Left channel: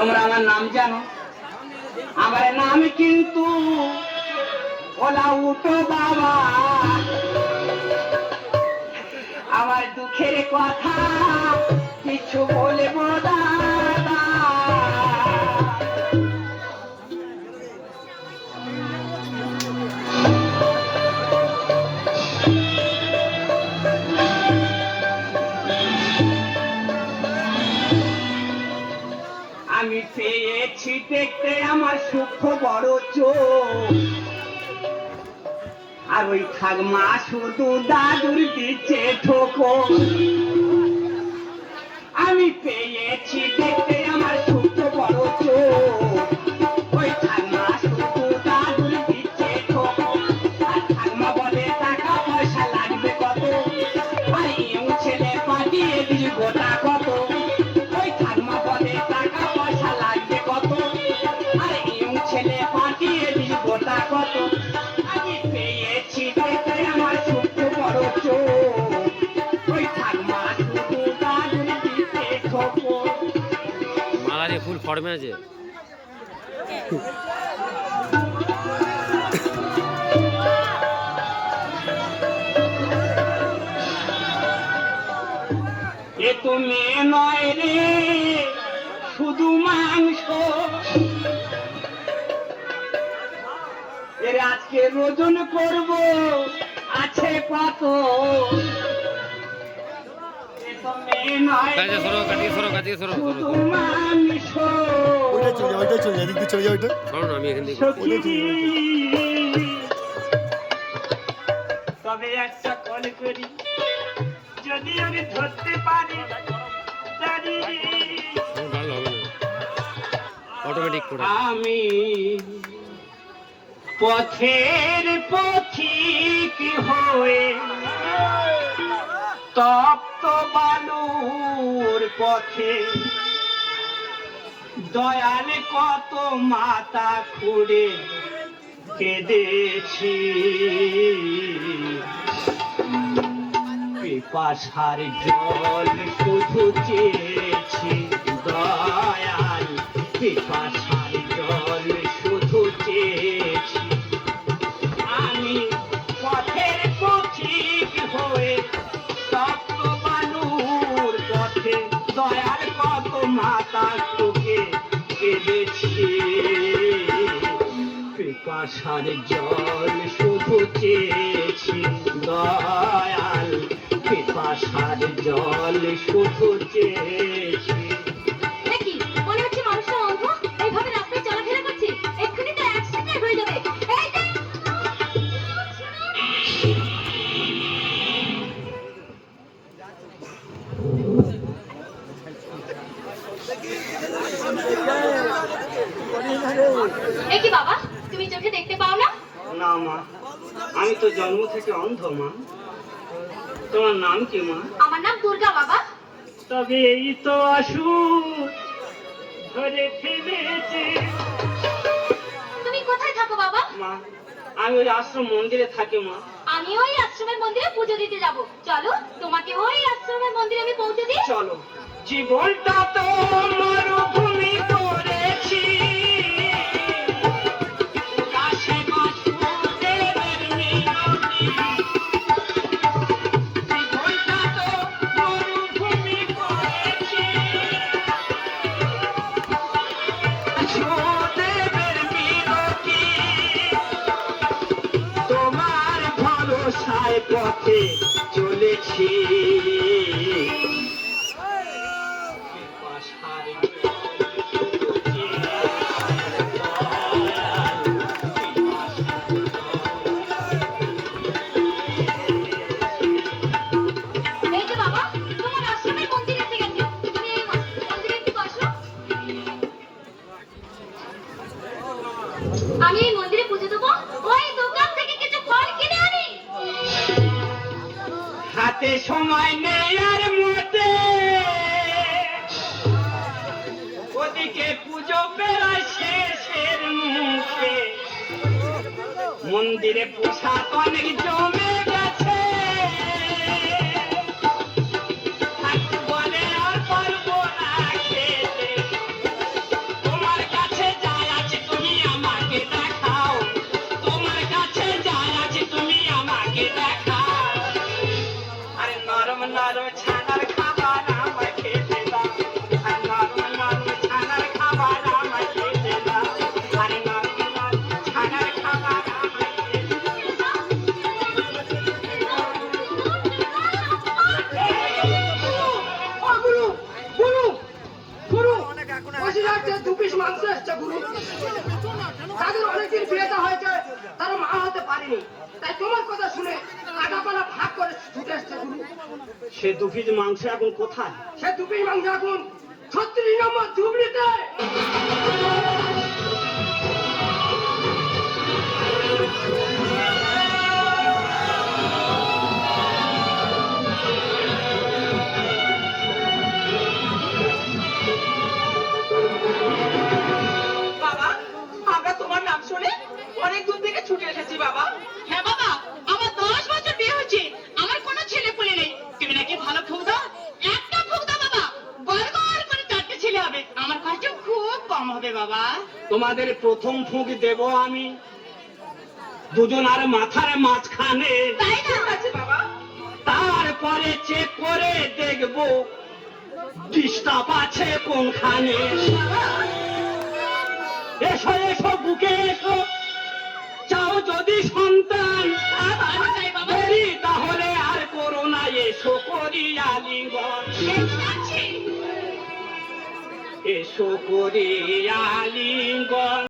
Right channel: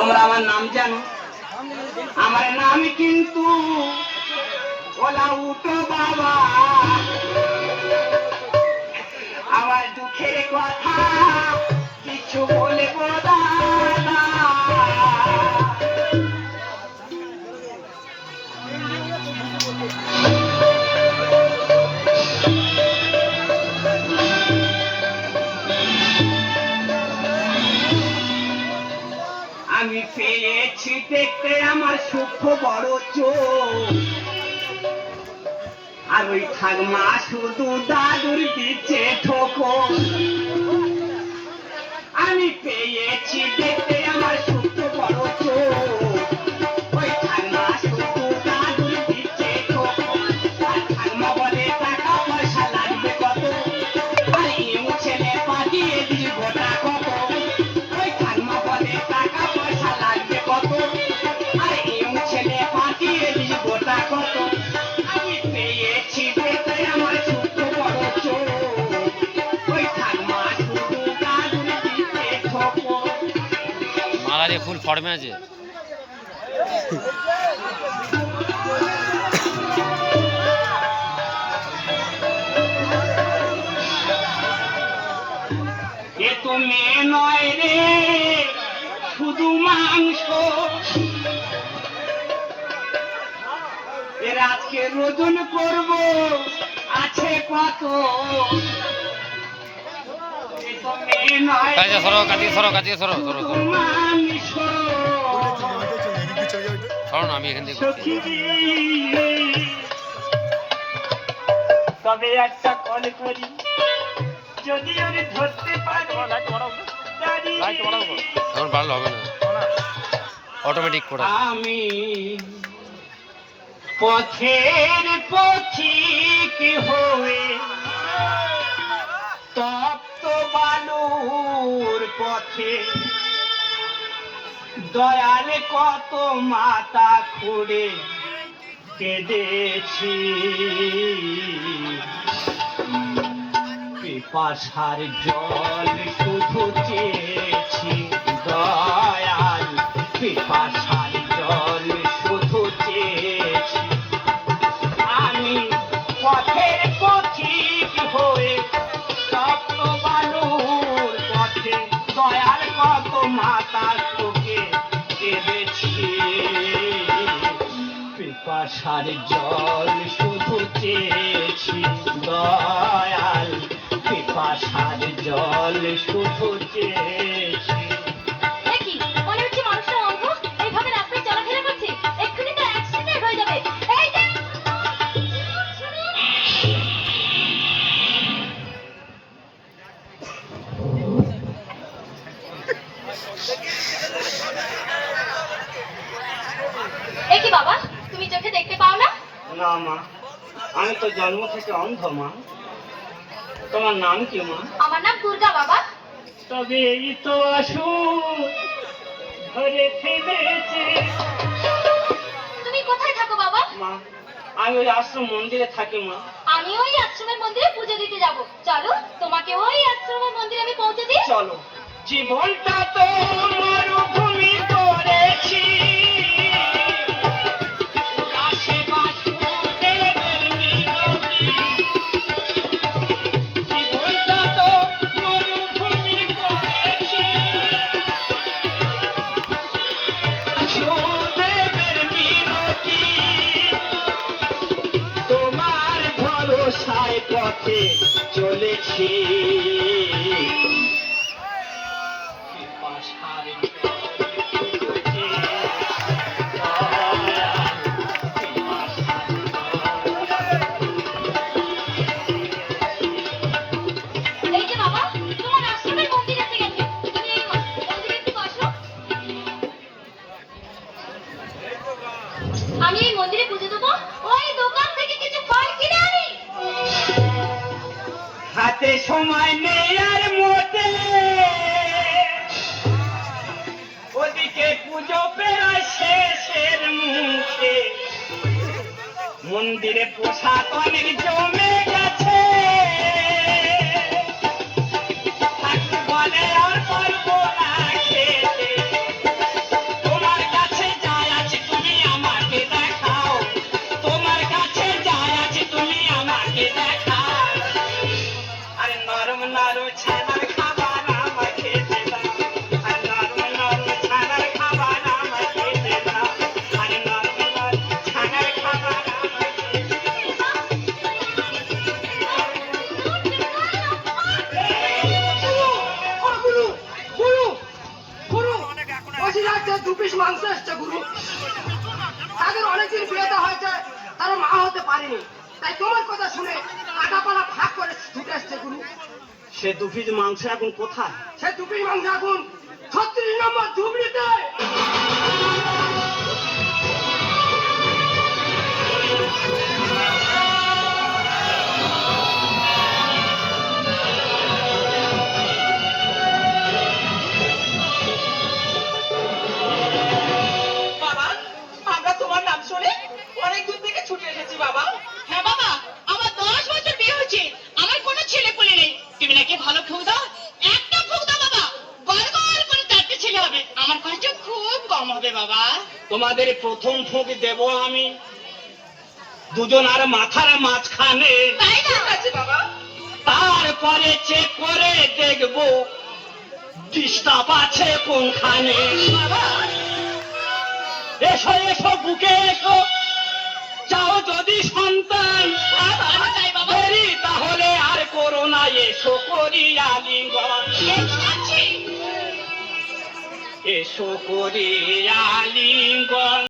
তোমরা আমার নাম জানো? আমার নাম কিন্তু ওলা উঠো বাবা, আমার দুঃখের কথা কিছু বলবো দাদা। আমি পেয়েছি দেখতে আমার সূক্ষ্ম বড় চোখ, আর ওই ঠাকমা শুধু দাদুর দিচ্ছে ঠোকর। আমি পেয়েছি দেখতে আমার সূক্ষ্ম বড় চোখ, ওই ঠাকমা শুধু দাদুর দিচ্ছে ঠোকর। আর ঠাকমা বলে টাকা পয়সা লাগবে কত, আর ইউ ছেলে পাঠিয়ে দিই গোটা কত। ওই ঠাকমা বলে টাকা পয়সা লাগবে কত, আর ইউ ছেলে পাঠিয়ে দিই গোটা কত। আমি পেয়েছি দেখতে আমার সূক্ষ্ম বড় চোখ, ওই ঠাকমা শুধু দাদুর দিচ্ছে ঠোকর। মালা যে ফুল ফর্মে আছে। এ তো মেয়ে নয় রে শুধু মাংস, এর আজকে রোদন করব আছে কত। এ তো মেয়ে নয় রে সরো কাটিয়ে সরো কাটিয়ে সরো সরো শুধু সরো মাংস। সরো না, আমি এখান থেকে করছি। সখী, তবে একটা কল করি, যদি আমি ধরতে পারি দাদি। আমার ভালো হবে না, অটোমেটিক করে। আমি পথের পথিক হয়ে তপ্ত বালুর পথে, দয়াল কত মাথা খুঁড়ে কেঁদেছি। পিপাসার জল শুধু চেয়েছি দয়াল, পিপাসার জল শুধু চেয়েছি। আমি পথের পথিক হয়ে তপ্ত বালুর পথে, দয়াল কত মাতা তোকে কেঁদেছি। পিপাসার জল শুধু চেয়েছি দয়াল, পিপাসার জল শুধু চেয়েছি। দেখি মনে হচ্ছে মানুষটা অন্ধ, এইভাবে রাস্তায় চলাফেরা করছে, এক্ষুনি তো অ্যাক্সিডেন্ট হয়ে যাবে। এই দেখ, এ কি বাবা, তুমি চোখে দেখতে পাও না? না মা, আমি তো জন্ম থেকে অন্ধ মা। তোমার নাম কি মা? আমার নাম দুর্গা বাবা। তবে এই তো আসুন ধরে ফেলেছে। তুমি কোথায় থাকো বাবা? মা, আমি ওই আশ্রম মন্দিরে থাকি মা। আমি ওই আশ্রমের মন্দিরে পুজো দিতে যাব, চলো তোমাকে ওই আশ্রমের মন্দিরে আমি পৌঁছে দিই। চলো। জীবনটা তো মরুভূমি করেছি, আকাশে বাসুদেবের মিনতি। জীবনটা তো মরুভূমি করেছি, বাসুদেবের মিনতি। তোমার ভরসায় পথে চলেছি। এই যে বাবা, তোমার আশ্রমের মন্দির এসে গেছে, তুমি এই মন্দিরে একটু বসো। আমি এই মন্দিরে পুজো দেবো, ওই দোকান থেকে কিছু ফল কিনে আনি। হাতে সময় নেই আর মোটে, ওদিকে পুজো প্রায় শেষের মুখে। মন্দিরে প্রসাদ অনেক জমে গেছে, বলে আর পারবো না খেতে। বাড়িতে 2 পিস মাংস এসছে গুরু। তাদের অনেকদিন বিয়েটা হয়েছে, তারা মা হতে পারেনি, তাই তোমার কথা শুনে আগাপালা ভাগ করে ছুটে আসছে গুরু। সে 2 পিস মাংস এখন কোথায়? সে 2 পিস মাংস এখন 36 নম্বর ঝুবড়িতে। বাবা, আমরা তোমার নাম শুনে অনেক দূর থেকে ছুটে এসেছি বাবা। হ্যাঁ বাবা, আমার 10 বছর বিয়ে হয়েছে, আমার কোনো ছেলে পুলে নেই। তুমি নাকি ভালো ফুক দাও, একটা ফুক দাও বাবা, গড়গড় করে 4টে ছেলে হবে। আমার কষ্ট খুব কম হবে বাবা। তোমাদের প্রথম ফুঁক দেব আমি, দুজন আর মাথার মাঝখানে। তাই না? ঠিক আছে বাবা। তারপরে চেক করে দেখবো ডিস্টার্ব আছে কোনখানে। বাবা, এসো এসো বুকে এসো, চাও যদি সন্তান বাবা চাই বাবা। দেরি তাহলে আর করো না, এসো করি আলিঙ্গন। এই তো যাচ্ছি। এসো করি আলিঙ্গন।